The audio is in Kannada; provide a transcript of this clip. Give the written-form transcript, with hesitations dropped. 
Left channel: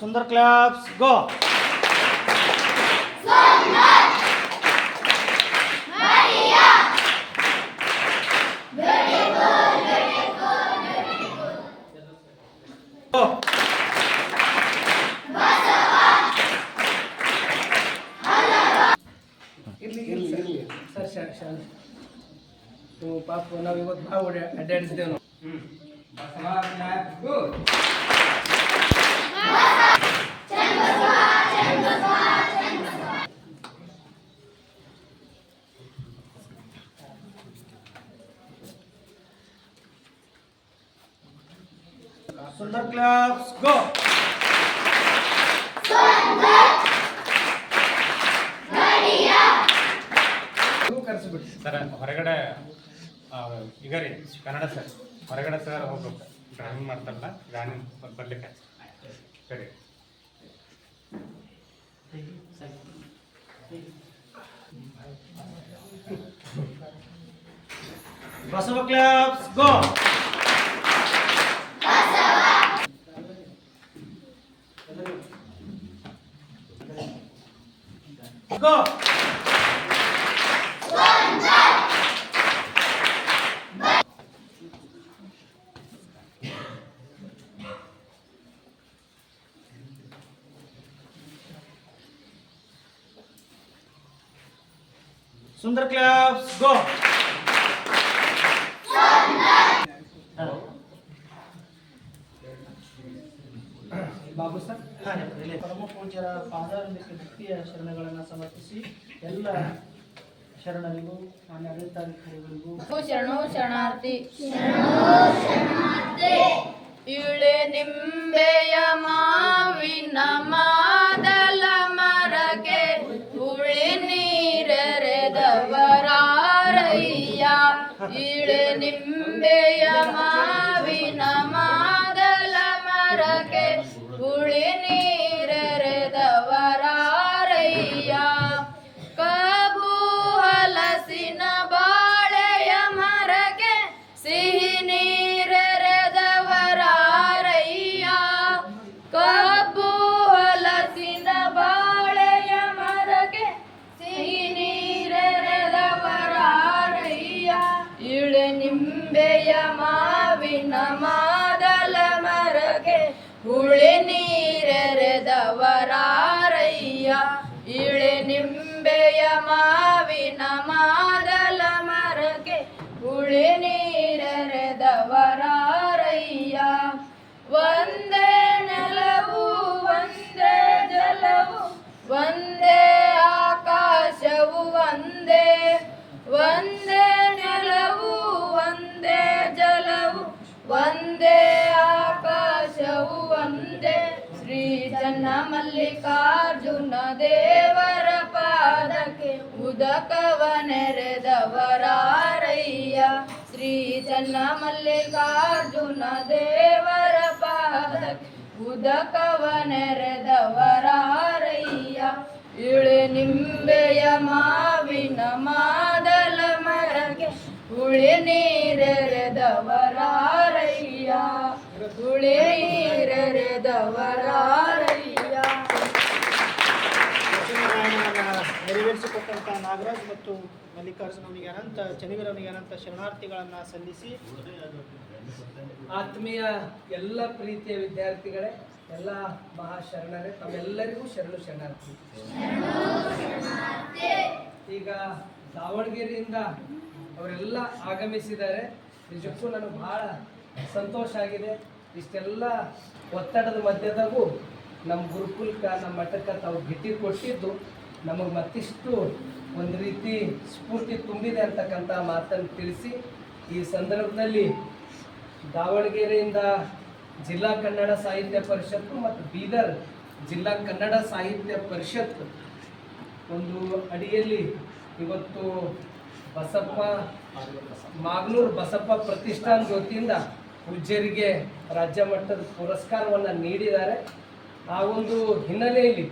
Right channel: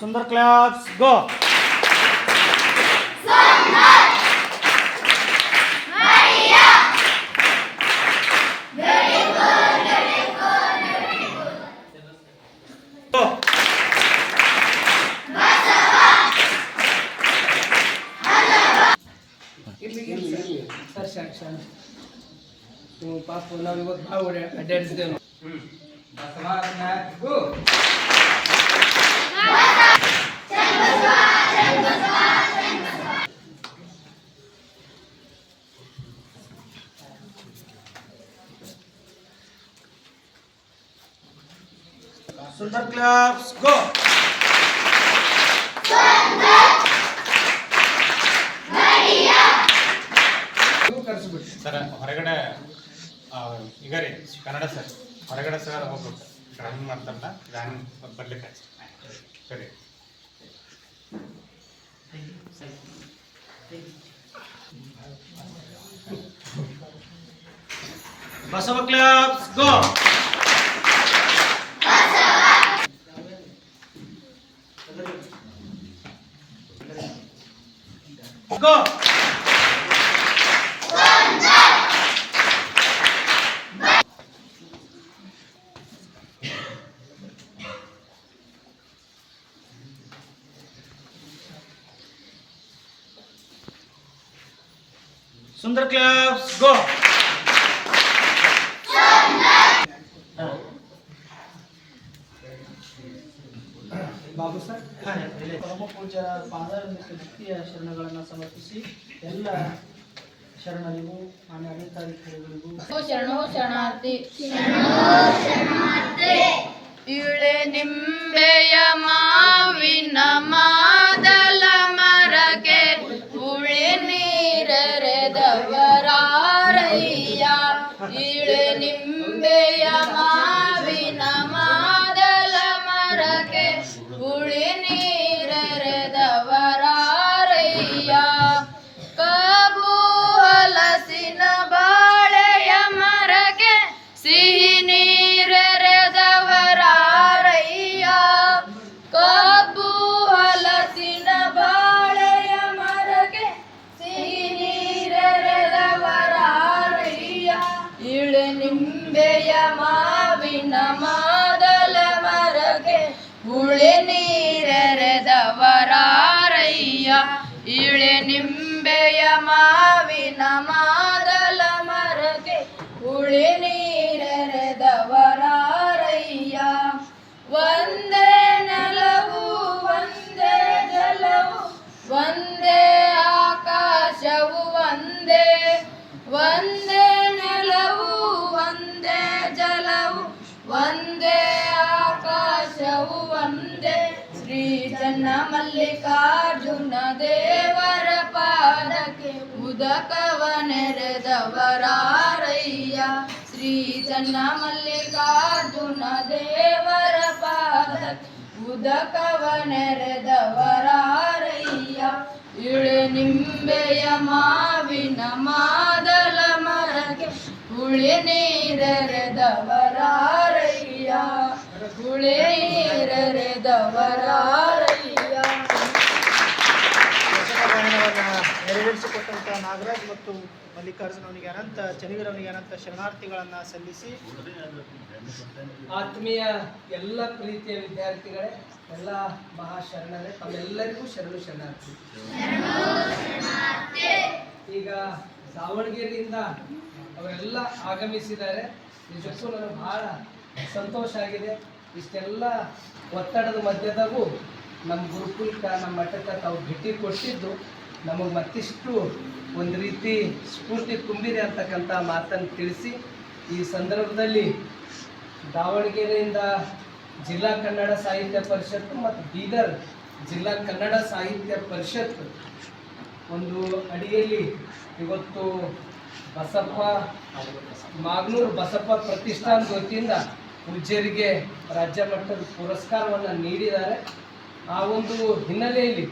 सुंदर क्लैप्स गो. ನೀವು ಪಾಪ ನಾವು ಇವತ್ತು ಭಾಳ ಅಡ್ಡಾಡಿಸಿದ್ದೇವೆ ನಾವು. सुंदर क्लैप्स गो. ಸರ್ ಹೊರಗಡೆ ಈಗ ರೀ ಕನ್ನಡ ಸರ್ ಹೊರಗಡೆ ಸರ್ ಹೋಗ್ಬೇಕು ಡ್ರಾಯಿಂಗ್ ಮಾಡ್ತಾರಲ್ಲ ಡ್ರಾಯಿಂಗ್ ಬರ್ಲಿಕ್ಕೆ ಸರಿ. बसव क्लैप्स गो. गो. सुंदर क्लैप्स गो. ಬಾಬು ಸರ್ ಪರಮ ಪೂಜ್ಯರ ಪಾದಾರವಿಂದಕ್ಕೆ ಭಕ್ತಿಯ ಶರಣಗಳನ್ನು ಸಮರ್ಪಿಸಿ ಎಲ್ಲ ಶರಣರಿಗೂ ಮಾನ್ಯ ಆಡಳಿತಾಧಿಕಾರಿಗಳಿಗೂ ಶರಣೋ ಶರಣಾರ್ಥಿ. ಇಳೆ ನಿಂಬೆಯ ಮಾವಿನ ಮಾದಲ ಮರಗೆ ಉಳಿ ನೀರೆರೆದವರಾರಯ್ಯ. ಇಳೆ ನಿಂಬೆಯ ಮಾವಿನ ಮಾದಲ ಮರಗೆ ಉಳಿ ನೀರೆರೆದವರಾರಯ್ಯ. ಕಬ್ಬು ಹಲಸಿನ ಬಾಳೆಯ ಮರಗೆ ಸಿಹಿ ನೀರೆರೆದವರಾರಯ್ಯ. ಕಬ್ಬು ಹಲಸಿನ ಬಾಳೆಯ ಮರಗೆ ಸಿಹಿ ನೀರೆರೆದವರಾರಯ್ಯ. ಇಳೆ ನಿಂಬೆಯ ಮಾವಿನ ಮಾದಲ ಮರಗೆ ಹುಳಿ ನೀರೆರೆದವರಾರಯ್ಯ. ಇಳೆ ನಿಂಬೆಯ ಮಾವಿನ ಮಾದಲ ಮರಗೆ ಹುಳಿ ನೀರೆರೆದವರಾರಯ್ಯ. ಒಂದೇ ನೆಲವು ಒಂದೇ ಜಲವು ಒಂದೇ ಆಕಾಶವು ಒಂದೇ. ಒಂದೇ ನೆಲವು ಒಂದೇ ಜಲವು ಒಂದೇ ಆಕಾಶವು ಒಂದೇ. ಶ್ರೀ ಚನ್ನ ಮಲ್ಲಿಕಾರ್ಜುನ ದೇವರ ಪಾದಕ್ಕೆ ಉದಕವ ನೆರೆದವರಾರಯ್ಯ. ಶ್ರೀ ಚನ್ನ ಮಲ್ಲಿಕಾರ್ಜುನ ದೇವರ ಪಾದಕ್ಕೆ ಉದಕವ ನೆರೆದವರಾರಯ್ಯ. ಇಳೆ ನಿಂಬೆಯ ಮಾವಿನ ಮಾದಲ ಮರಗೆ ಹುಳಿ ನೀರೆರೆದವರಾರಯ್ಯ. ಹುಳಿ ನೀರೆರೆದವರಾರಯ್ಯ. ನೆರವೇರಿಸಿಕೊಟ್ಟಂತಹ ನಾಗರಾಜ್ ಮತ್ತು ಮಲ್ಲಿಕಾರ್ಜುನ ಅವನಿಗೆ ಅನಂತ ಚನಿಗರ್ ಅವನಿಗೆ ಅನಂತ ಶರಣಾರ್ಥಿಗಳನ್ನು ಸಲ್ಲಿಸಿ ಆತ್ಮೀಯ ಎಲ್ಲ ಪ್ರೀತಿಯ ವಿದ್ಯಾರ್ಥಿಗಳೇ, ಎಲ್ಲ ಮಹಾಶರಣರೇ, ತಮ್ಮೆಲ್ಲರಿಗೂ ಶರಣು ಶರಣಾರ್ಥಿ. ಈಗ ದಾವಣಗೆರೆಯಿಂದ ಅವರೆಲ್ಲ ಆಗಮಿಸಿದ್ದಾರೆ. ನಿಜಕ್ಕೂ ನನಗೆ ಬಹಳ ಸಂತೋಷ ಆಗಿದೆ. ಇಷ್ಟೆಲ್ಲ ಒತ್ತಡದ ಮಧ್ಯದಾಗೂ ನಮ್ಮ ಗುರುಕುಲಕ್ಕೆ ನಮ್ಮ ಮಠಕ್ಕೆ ತಾವು ಭೇಟಿ ಕೊಟ್ಟಿದ್ದು ನಮಗೆ ಮತ್ತಿಷ್ಟು ಒಂದು ರೀತಿ ಸ್ಫೂರ್ತಿ ತುಂಬಿದೆ ಅಂತಕ್ಕಂಥ ಮಾತನ್ನು ತಿಳಿಸಿ, ಈ ಸಂದರ್ಭದಲ್ಲಿ ದಾವಣಗೆರೆಯಿಂದ ಜಿಲ್ಲಾ ಕನ್ನಡ ಸಾಹಿತ್ಯ ಪರಿಷತ್ತು ಮತ್ತು ಬೀದರ್ ಜಿಲ್ಲಾ ಕನ್ನಡ ಸಾಹಿತ್ಯ ಪರಿಷತ್ತು ಒಂದು ಅಡಿಯಲ್ಲಿ ಇವತ್ತು ಬಸಪ್ಪ ಮಾಗನೂರು ಬಸಪ್ಪ ಪ್ರತಿಷ್ಠಾನದ ವತಿಯಿಂದ ಪೂಜ್ಯರಿಗೆ ರಾಜ್ಯ ಮಟ್ಟದ ಪುರಸ್ಕಾರವನ್ನು ನೀಡಿದ್ದಾರೆ. ಆ ಒಂದು ಹಿನ್ನೆಲೆಯಲ್ಲಿ